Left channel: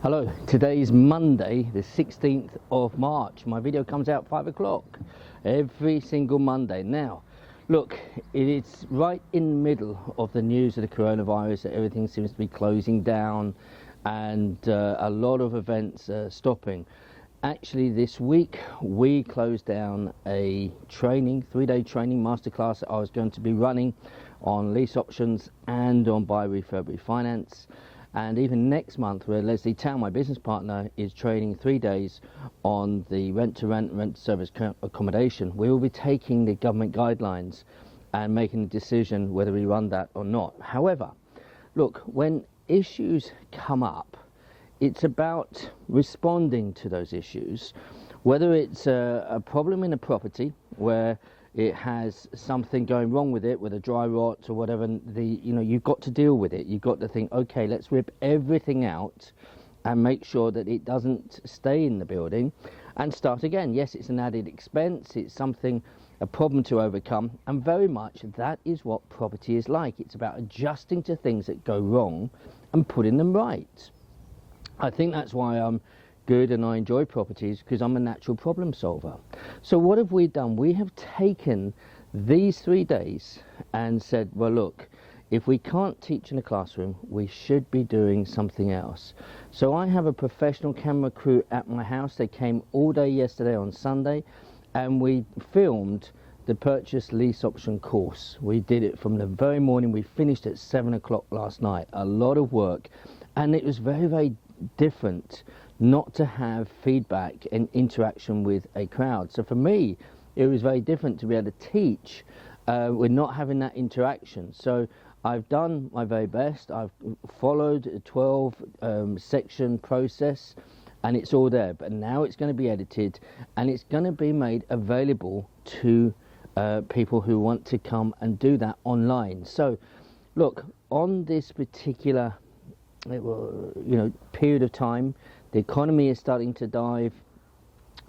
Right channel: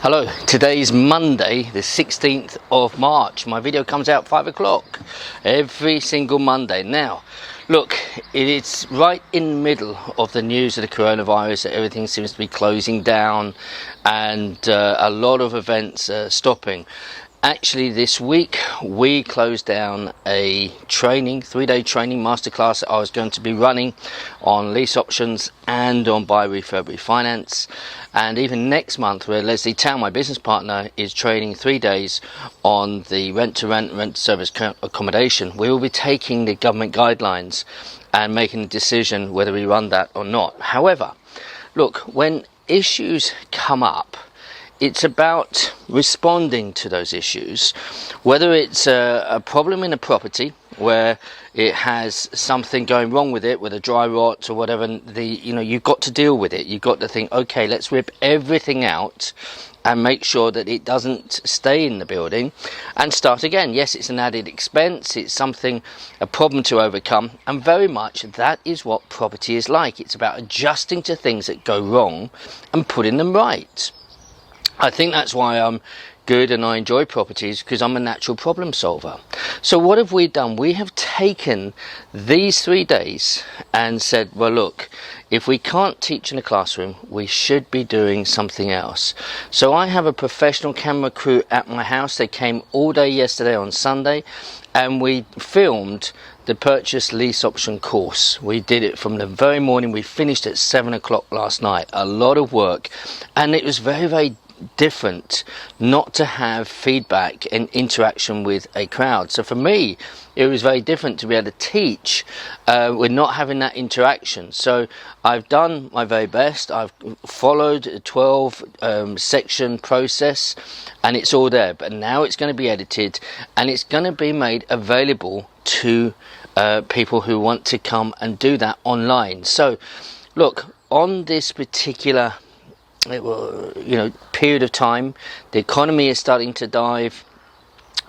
Hello, today's Monday, the 16th of March. My video comes out 5 o'clock every single Monday. Now, look, it is right in the middle of the news of the coronavirus that everything seems to be closing down and a lot of events stopping. Actually, this week we closed down a three-day training masterclass that I was going to be running on lease options and on buy, refurb, refinance. And even next month, where Leslie Town, my business partner, is training 3 days on the rent-to-rent, rent-to-service accommodation, we will be taking the government guidelines and making a decision whether we run that or not. However, look, when issues come up, it's about responding to those issues, whether it's a problem in a property where it has something going wrong with it, with a dry rot or whatever. You've got to deal with it. You've got to think, okay, let's rip everything out and make sure that it doesn't stay in the building and start again. Yes, it's an added expense. It's a problem to overcome, and very much that is what property is like. It's about adjusting to things that go wrong and putting them right. I think that's why I'm good and I enjoy properties, because I'm a natural problem solver. So what have we done? We have taken these 3 days and said, well, look, if we can't teach in a classroom, we should be doing something else. So I have a professional camera crew at my house. They came all day yesterday on Sunday, and we filmed the purchase lease option course. We did it from the very morning. We finished at 7 o'clock last night. A lot of work, and it was very, very different not to have feedback and interaction with a crowd. So for me, it was very different to be able to teach with not having that interaction. So I've done my very best. I've followed a 12 section process, and it's all there. But now it's going to be edited, and it's going to be made available to people who want to come and do that online. So look, on this particular period of time, the economy is starting to dive.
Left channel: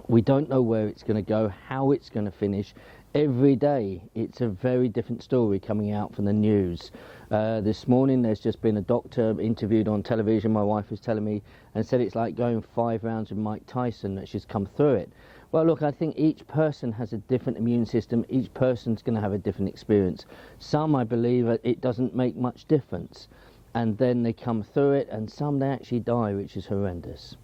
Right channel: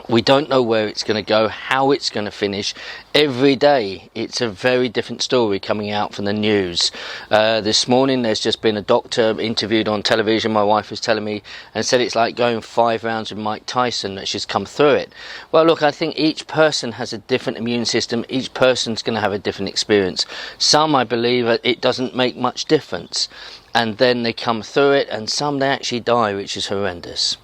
We don't know where it's going to go, how it's going to finish. Every day it's a very different story coming out from the news. This morning there's just been a doctor interviewed on television, my wife was telling me, and said it's like going 5 rounds with Mike Tyson. That's just come through it. Well, look, I think each person has a different immune system. Each person's going to have a different experience. Some, I believe, it doesn't make much difference, and then they come through it, and some they actually die, which is horrendous.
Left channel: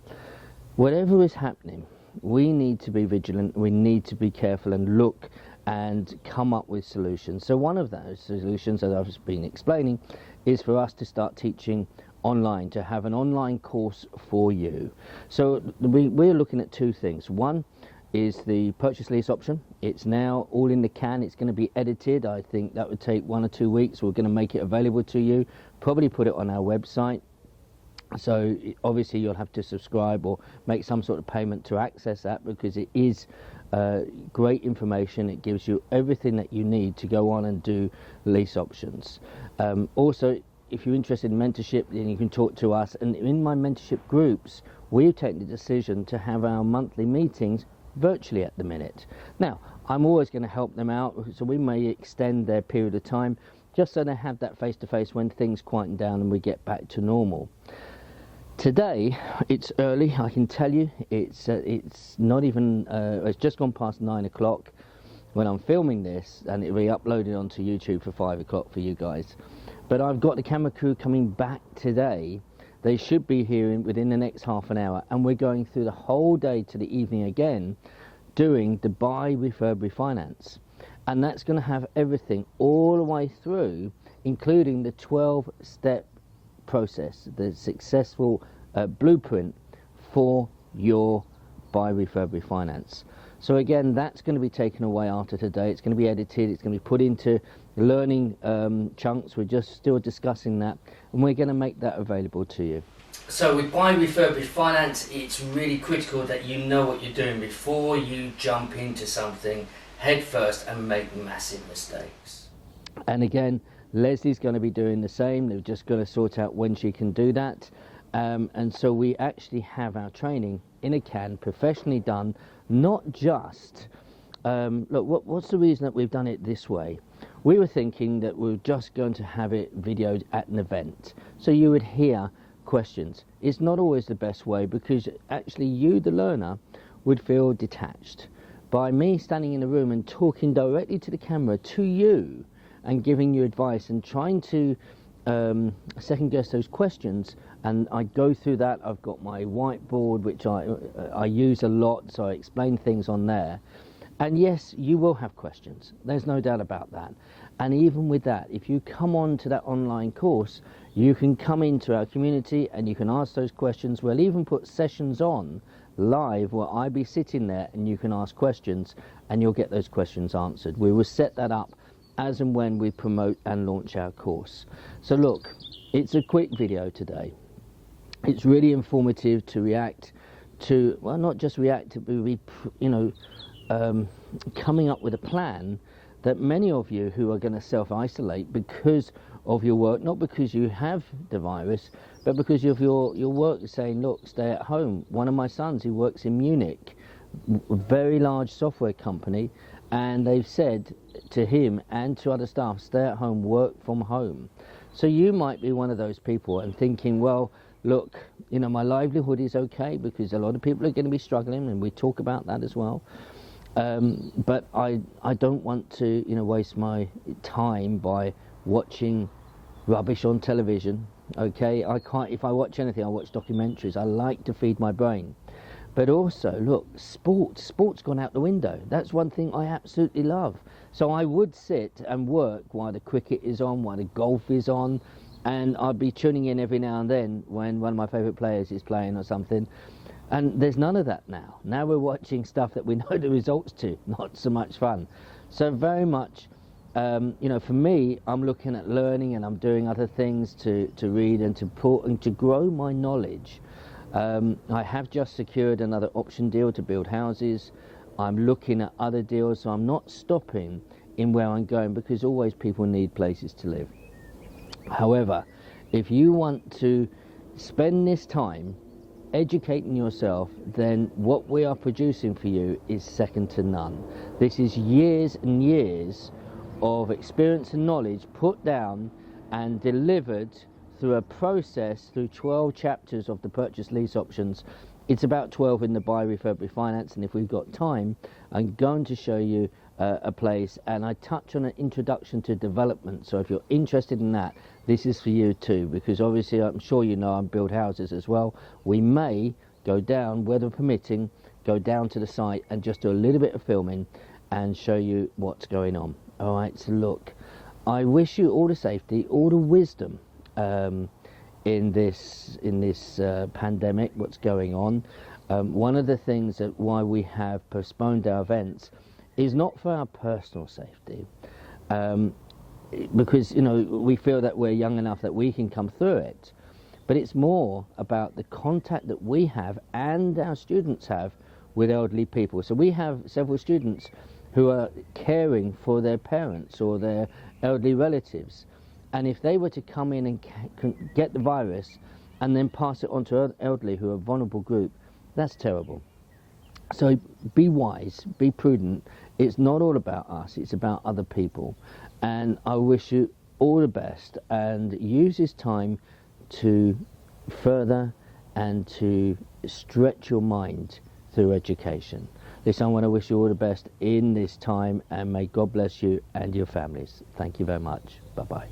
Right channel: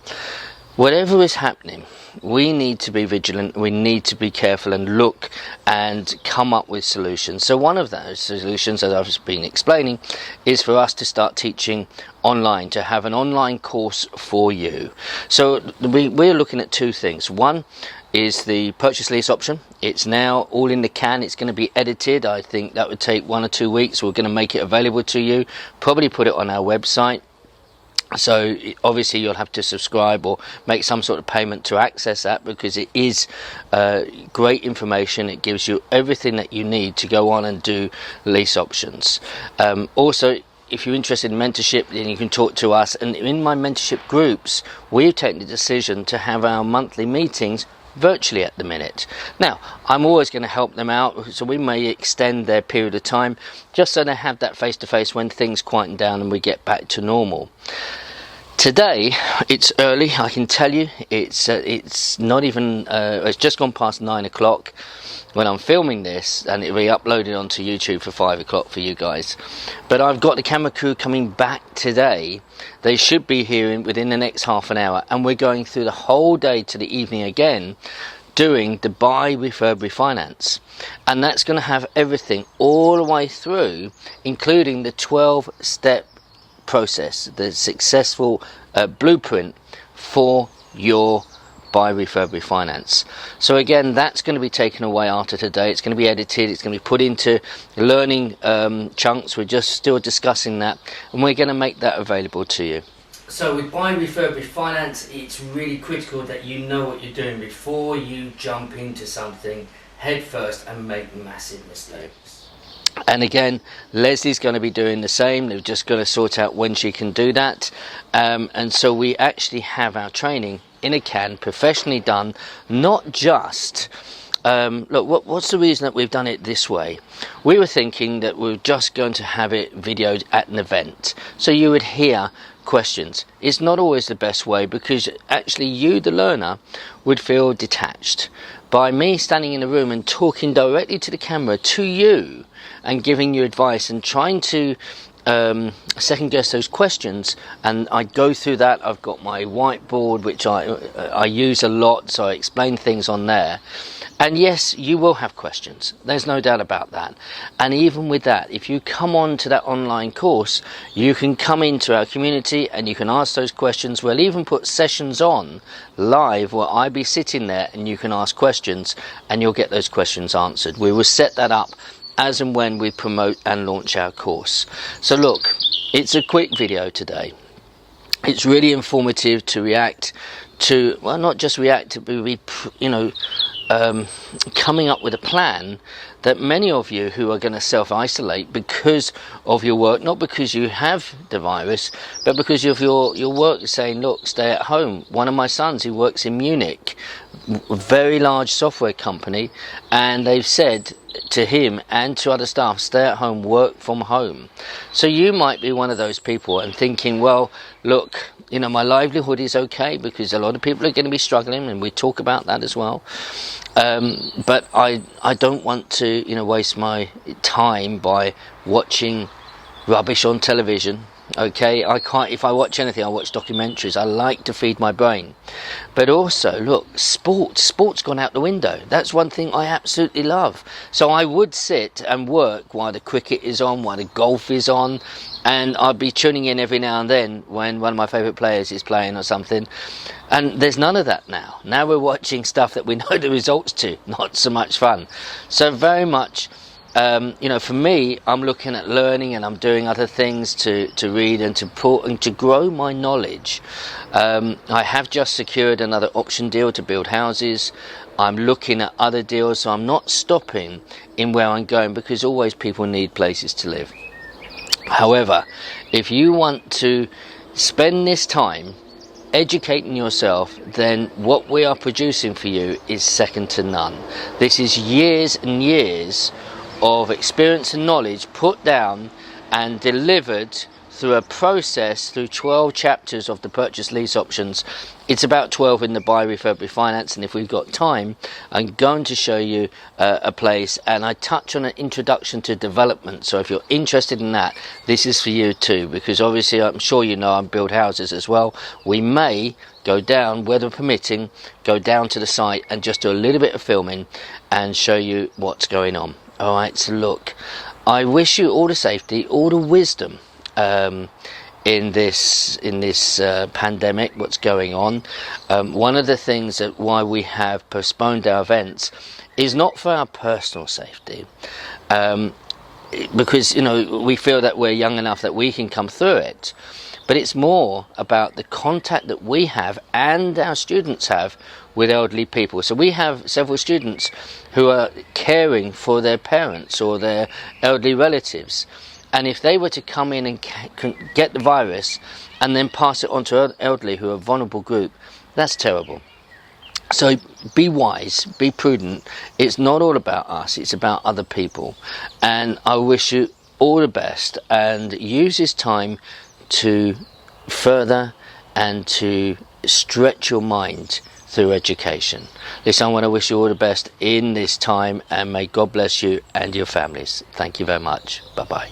Whatever is happening, we need to be vigilant, we need to be careful and look and come up with solutions. So one of those solutions, as I've been explaining, is for us to start teaching online, to have an online course for you. So we're looking at two things. One is the purchase lease option. It's now all in the can. It's going to be edited. I think that would take 1 or 2 weeks. We're going to make it available to you, probably put it on our website. So obviously you'll have to subscribe or make some sort of payment to access that, because it is great information. It gives you everything that you need to go on and do lease options. Also, if you're interested in mentorship, then you can talk to us. And in my mentorship groups, we've taken the decision to have our monthly meetings virtually at the minute. Now, I'm always going to help them out, so we may extend their period of time just so they have that face-to-face when things quieten down and we get back to normal. Today, it's early, I can tell you. It's not even, it's just gone past 9 o'clock when I'm filming this, and it'll be uploaded onto YouTube for 5 o'clock for you guys. But I've got the camera crew coming back today. They should be here within the next half an hour, and we're going through the whole day to the evening again, doing the buy, refurb, refinance. And that's going to have everything all the way through, including the 12-step process, the successful blueprint for your buy, refurb, refinance. So again, that's going to be taken away after today. It's going to be edited, it's going to be put into learning chunks. We're just still discussing that, and we're going to make that available to you. So with buy, refurb, refinance, it's really critical that you know what you're doing before you jump into something head first and make massive mistakes. And again, Leslie's going to be doing the same. They're just going to sort out when she can do that. And so we actually have our training in a can, professionally done, not just look, what's the reason that we've done it this way? We were thinking that we were just going to have it videoed at an event, so you would hear questions. It's not always the best way, because actually you, the learner, would feel detached. By me standing in a room and talking directly to the camera, to you, and giving you advice and trying to second guess those questions, and I go through that. I've got my whiteboard, which I use a lot, so I explain things on there. And yes, you will have questions, there's no doubt about that. And even with that, if you come on to that online course, you can come into our community and you can ask those questions. We'll even put sessions on live where I'll be sitting there and you can ask questions and you'll get those questions answered. We will set that up as and when we promote and launch our course. So look, it's a quick video today. It's really informative to react to, well, not just react, to be, coming up with a plan that many of you who are going to self-isolate because of your work, not because you have the virus, but because of your work is saying, look, stay at home. One of my sons, who works in Munich, a very large software company, and they've said to him and to other staff, stay at home, work from home. So you might be one of those people and thinking, well, look, my livelihood is okay, because a lot of people are going to be struggling, and we talk about that as well. But I don't want to waste my time by watching rubbish on television. Okay, I can't. If I watch anything, I watch documentaries. I like to feed my brain. But also, look, sport's gone out the window. That's one thing I absolutely love. So I would sit and work while the cricket is on, while the golf is on, and I'd be tuning in every now and then when one of my favourite players is playing or something. And there's none of that now. Now we're watching stuff that we know the results to. Not so much fun. So very much, for me, I'm looking at learning, and I'm doing other things to read and to grow my knowledge. I have just secured another option deal to build houses. I'm looking at other deals, so I'm not stopping in where I'm going, because always people need places to live. However, if you want to spend this time educating yourself, then what we are producing for you is second to none. This is years and years of experience and knowledge put down and delivered through a process, through 12 chapters of the purchase lease options. It's about 12 in the buy, refurb, refinance, and if we've got time, I'm going to show you a place, and I touch on an introduction to development. So if you're interested in that, this is for you too, because obviously I'm sure you know I build houses as well. We may go down, weather permitting, go down to the site and just do a little bit of filming and show you what's going on. All right, so look, I wish you all the safety, all the wisdom in this pandemic, what's going on. One of the things that why we have postponed our events is not for our personal safety, because we feel that we're young enough that we can come through it, but it's more about the contact that we have and our students have with elderly people. So we have several students who are caring for their parents or their elderly relatives. And if they were to come in and get the virus and then pass it on to elderly who are a vulnerable group, that's terrible. So be wise, be prudent. It's not all about us, it's about other people. And I wish you all the best, and use this time to further and to stretch your mind through education. Listen, I want to wish you all the best in this time, and may God bless you and your families. Thank you very much. Bye-bye.